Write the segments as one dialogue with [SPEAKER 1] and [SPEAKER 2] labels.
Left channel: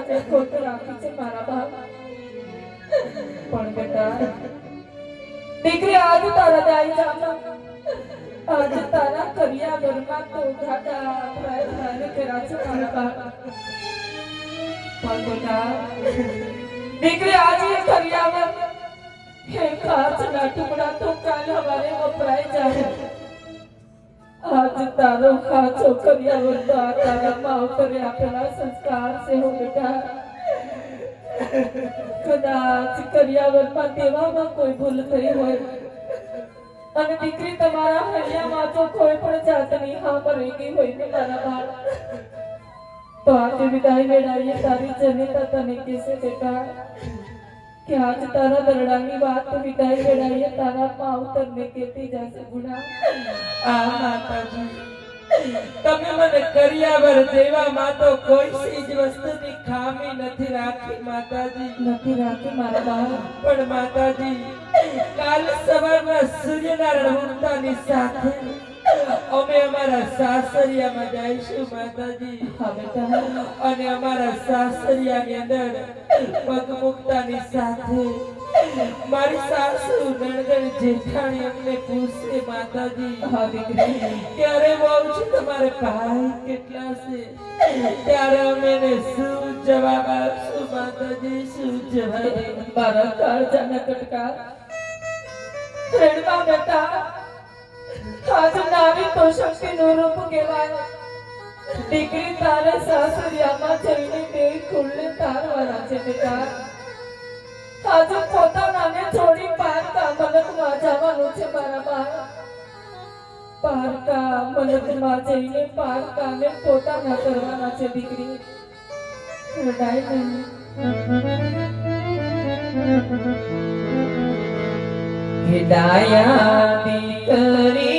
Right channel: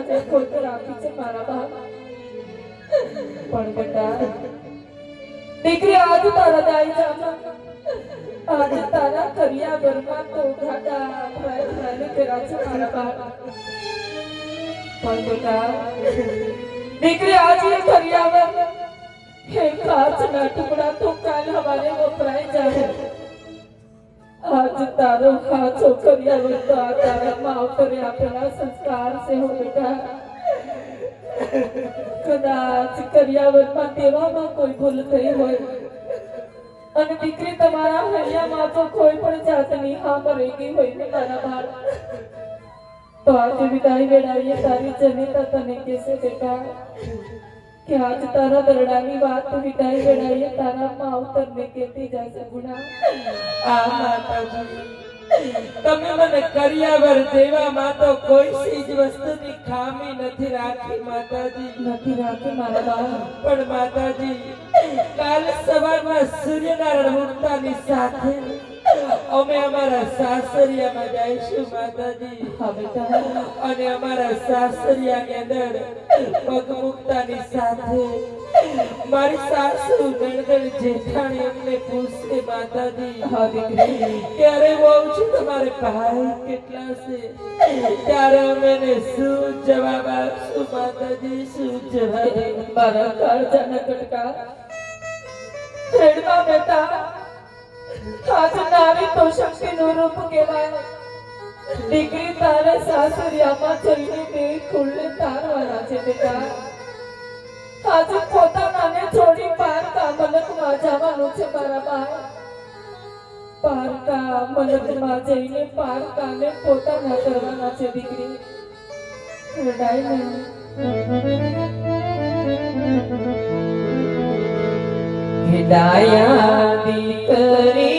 [SPEAKER 1] સાથે ખોટ રાખી છે મારા બાપ પણ બેટા દીકરી આજ તારા દાઈ જામા આજ તારા કરિયા ઘરમાં તો ઘાટા પ્રયત્ન કર્યા છે મારા બાપ પણ બેટા દીકરી આજે કરિયાવર હે કાચના ટુકડા તો કાલ હવારે વપરાય જાય આજ તારો કાચો કર્યા તો તારા માવતરે આપેલા સંસ્કાર છે હો બેટા. કદાચ કરિયાવરમાં દેવામાં કોઈ ભૂલ થઈ હોય. અને દીકરી તમારા હૈયામાં તો કોઈ પણ જાતની હા કરી ગઈ હોય ને તારા બાળ તો આજે વિદાય વેળાએ તારી જનિતા તને કેસે બેટા. કે આજ તારા દરડાની વાત વિદાય વેળાએ તારા માવતરને કેતી જશે ગુણા
[SPEAKER 2] આ માતાજી તમે મને કર્યાવર દેવામાં તો કોઈ ચીજ વસ્તુની ખામી નથી રાખી માતાજી.
[SPEAKER 1] નથી રાખી મારા બાળ
[SPEAKER 2] પણ માતાજી કાલ સવારમાં સૂર્યના ઉગતાની સાથે અમે અમારા સાસરિયામાં જઈશું માતાજી. અને અમારા સાસરિયાની અંદર પગ મૂકતાની સાથે મારી સાસુ નણંદ જેઠાણી અમને પૂછશે, માતાજી ત્યારે હું આવું છું? તમારે ભાઈ કેટલા છે? ત્યારે અમે શું જવાબ આપશું, માતાજી? શું જવાબ?
[SPEAKER 1] મારા કાળજાના કટકા. બેટા નારી તો શક્તિનું રૂપ કહેવાય. દીકરી તારે સાસરિયામાં છે બેટા આજે પોતાના છે દીકરી.
[SPEAKER 2] હિદાયા દીકરી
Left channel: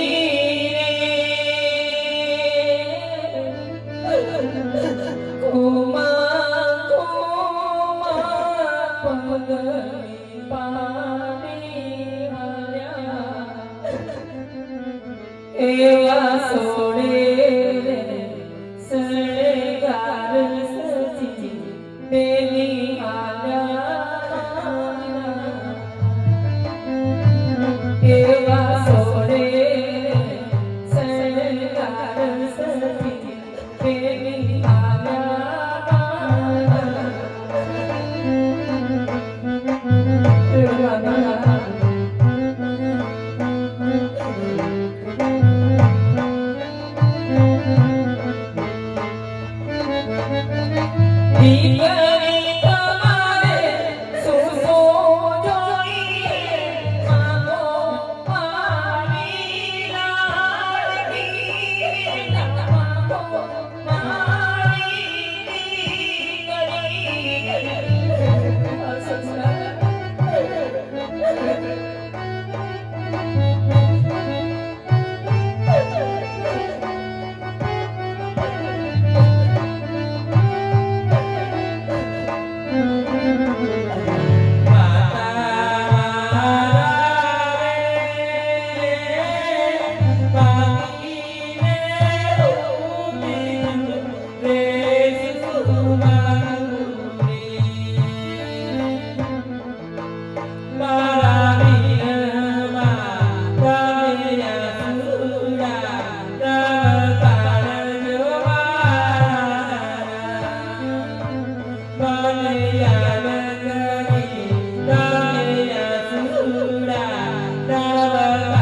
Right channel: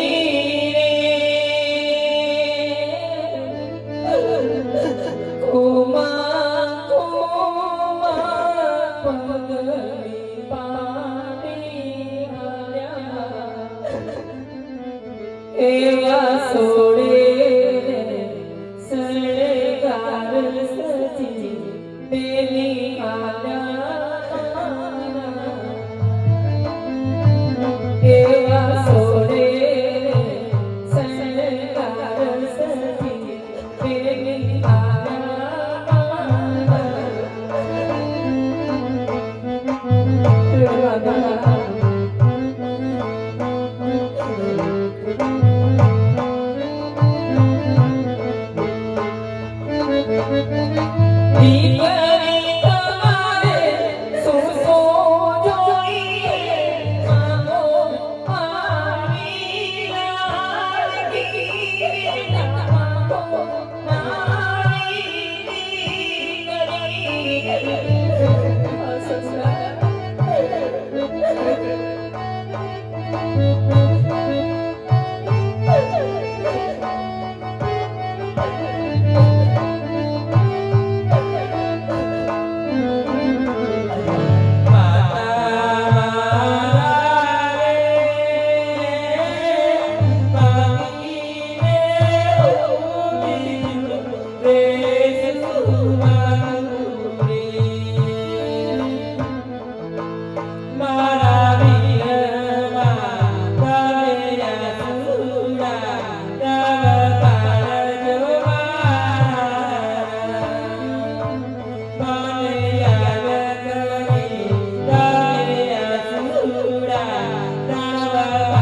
[SPEAKER 3] la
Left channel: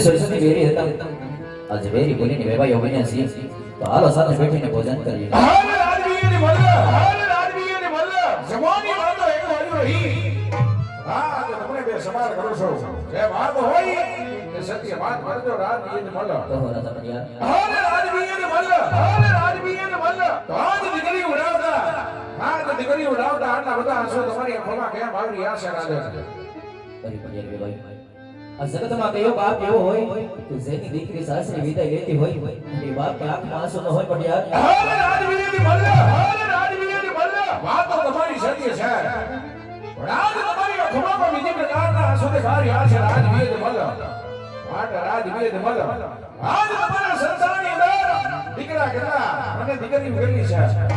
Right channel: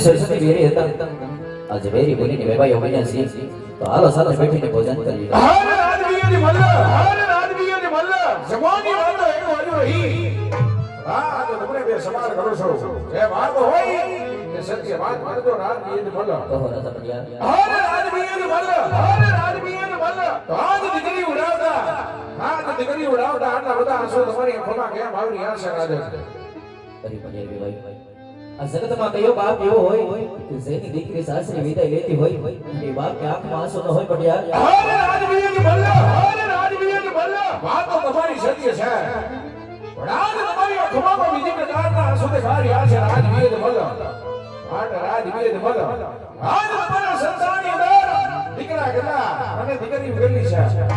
[SPEAKER 3] સરસ્વતી વેરી હતા. બોલીને તો હાલો સાથે બેઠીને ભોજન કરીએ.
[SPEAKER 4] કરો છો. જે વાત હોય તે સત્ય વાત કરજો રાજવીયની મલ્લ
[SPEAKER 3] કહો રાજા પડિયા.
[SPEAKER 4] હાલ રાજવીયની મલ્લ હાલ રાજવીયની મલ્લ તો આજ દીકરી ઉડાવતા આજ દીકરી ઉડાવતા આટલા બધા આંસુ તમારી આંખોમાં કેમ આવી રહ્યા છે? રાજા
[SPEAKER 3] આ જગતમાં કયો બાપ એવો હોય કે જેની દીકરી સાસરી વિદાય લેતી હોય એ બાપ કે આંખમાં આંસુ ન હોય પડિયા
[SPEAKER 4] હાલ રાજવીયની મલ્લ હાલ રાજવીયની વાત તો તમારી સત્ય છે. પણ આજ તમારી આંખોમાં બીજી પ્રકારના આંસુ દેખાઈ રહ્યા છે રાજવીયની મલ્લ માટે રાજવીયની મલ્લ આજ તમારા સંસારની અંદર દીકરા કેટલા અને દીકરી કેટલી છે.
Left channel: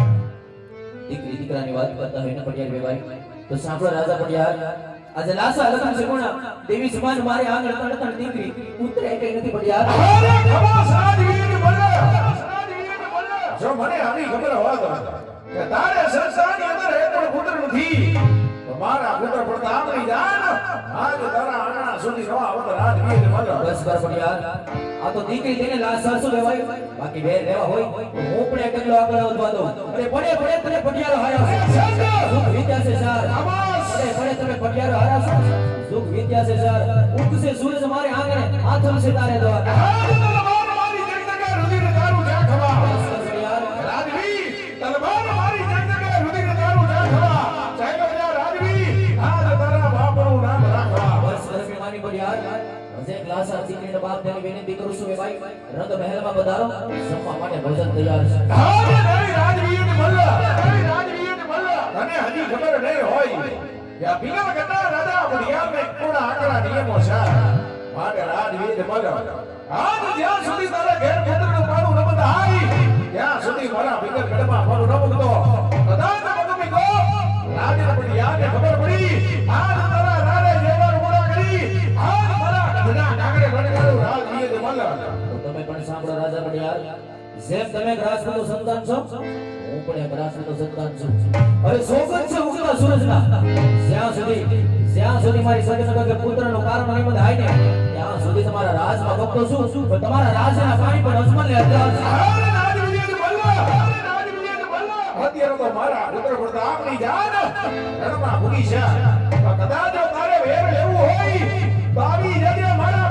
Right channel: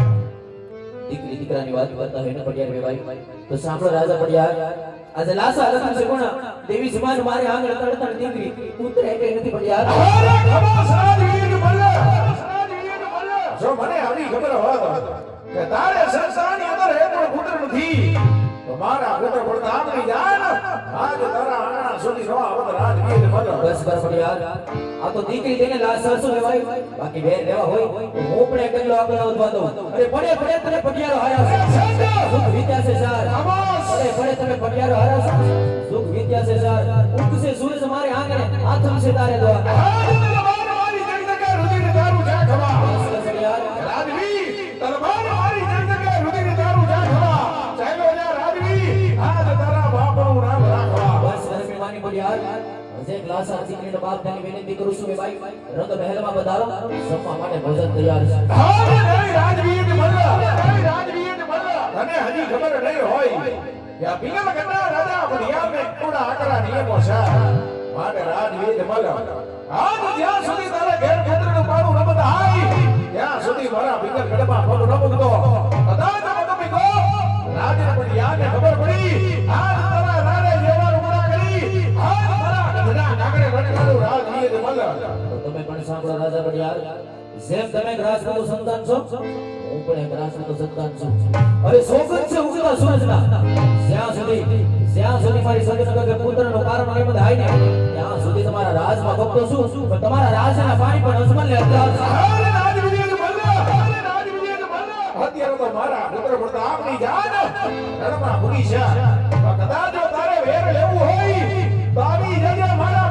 [SPEAKER 3] દીકરી દીકરાની વાત કરતા હોય ને પણ યાર ભાઈ તો સાંભળો રાજા પડિયા આજે લાસા લખન સગુણા દેવી સમાન મારે આંગળ તડતડ દીકરી. ઉતરે કઈ નથી પડિયા
[SPEAKER 4] અરે ખબર રાજવીયની મલ્લ રાજવીયની મલ્લ જો મને આવી ખબર હોત કે તારે સંસારની અંદર એક પણ પુત્ર નથી તો પુત્ર પડતા આંગળી જાન. આજ તારા આંગણા સુધી ન આવત રાજવીયની મલ્લ
[SPEAKER 3] બસ બસ પડિયા આ તો દીકરી તેને લાશ સરસુ લેવાય. બાકી બે લેવા હોય હું પણ આગળ દઉં અરે પડે પડે તને પટિયાળો હાર્યા તમે પટિયારો હાર્યા છો સુખ વિદ્યા છે સાર ઉગશે સૂરજ મારે આંગણે આથમ છે તારે દવા
[SPEAKER 4] તલવાર મારી જગદગે રુધિર તારું જા ખવા
[SPEAKER 3] બસ પડિયા
[SPEAKER 4] રાજવી તલવાર મારી જગદગે રુધિર તારું જા ખવા ચાલો જા રાજવી આજ તારા બાપનું નામ રાખવા
[SPEAKER 3] બસ બસ મેવાની પડિયા હજે ગ્લાસ આ દીકરીના બાપ ને વિનંતી કરું છું કે ભાઈ રંગ મહેલમાં પધારો જમવા માટે ભોજન તૈયાર છે
[SPEAKER 4] હા જય રાજવીની મલ્લ જય રાજવીની મલ્લ તને હજી ખબર નહીં હોય કે આ પિલા કના રાજા બઢિયા મે કોડા આકરા નિયમો છે. માટે રાજવીની મલ્લ આજ જ્યાં સુધી તારા ઘેર ખેતરનું પાડું ન બધાય, ત્યાં સુધી મારા ભીતર ન રાજા ને મારા
[SPEAKER 3] રાજા ગ્રાસનું સંતાન છો, હું પણ ગ્રાસનું સંતાન છું. અરે સોગંદ છે ઉગતા સૂરજના. જ્યાં સુધી જ્યાં સુધી મારી સગત કે પુત્રનો કારણ નહીં આઈ ને ત્યાં સુધી તમારા રાજમાં ભક્તો શું? પણ તમારા રાજના પાણી પણ અજમલ ને અત્યાર
[SPEAKER 4] મારા પુત્ર પડતા આપણી જાન રણમાં ભૂલી છે. કદાચ તારે વેર લેવું હોય આવી જજે મારા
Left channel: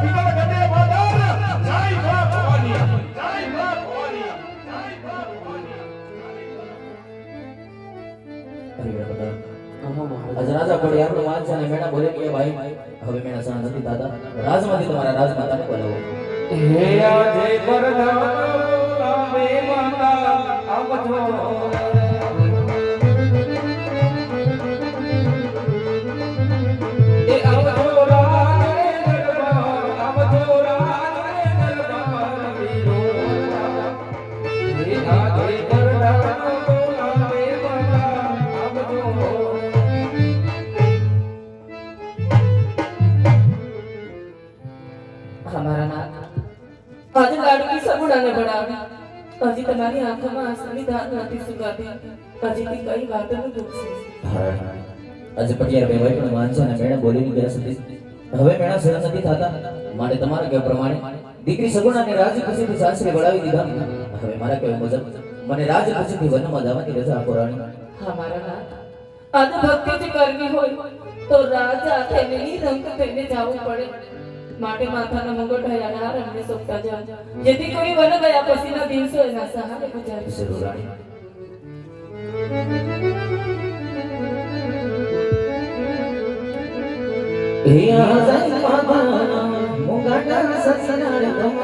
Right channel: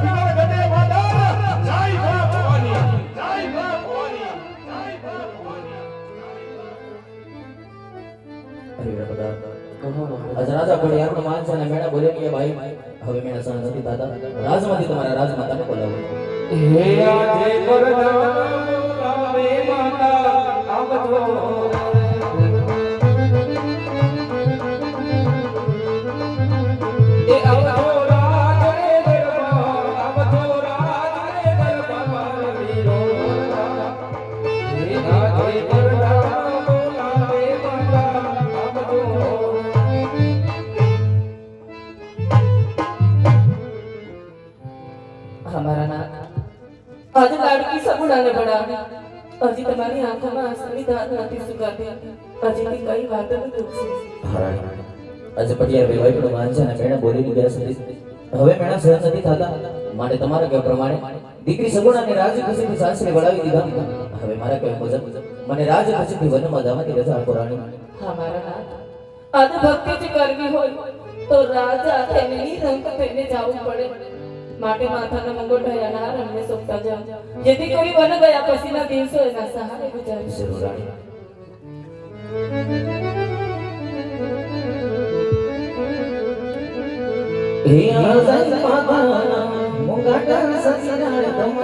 [SPEAKER 3] આજ રાજા પડિયાનો માન છે અને મેડા બોલે કે ભાઈ, હવે મેડા સણા નથી દાદા રાજમાંથી તમારા રાજમાતાને બોલાવો.
[SPEAKER 2] હે આજે વરદાન
[SPEAKER 1] તમારી સગુણાને બનાવી હજી તમારી આંખોમાં સંવિધાન નથી સુકાતી. હજી કઈ વાતો દુઃખ છે?
[SPEAKER 3] આજે પછી યાર ભાઈ પણ માન ને મેણે બોલીની બેસ હતી હવે મેણા સહન નથી થતા. માટે તમારે કે પ્રમાણે દીકરી સગુણાને રાજ ખસીથી સાસરે વળાવી દીધા. હવે મારા કહેવા મુજબ મને રાજ ખસીથી વનમાં દાવાની રજા આપો રાણી.
[SPEAKER 1] મારા નાથ. આદ ભક્તિ કરવી હોય તો રાજા તેમની રંગ પહેરીને જવું પડે. માટે માથાના મુગટ હયાના રમને સોપતા જા જેથી કોઈ વન ગયા પછીના દિવસો એના સહારે
[SPEAKER 3] ગુજારશે હે આઝાદ પામા મુગટ સસનાળ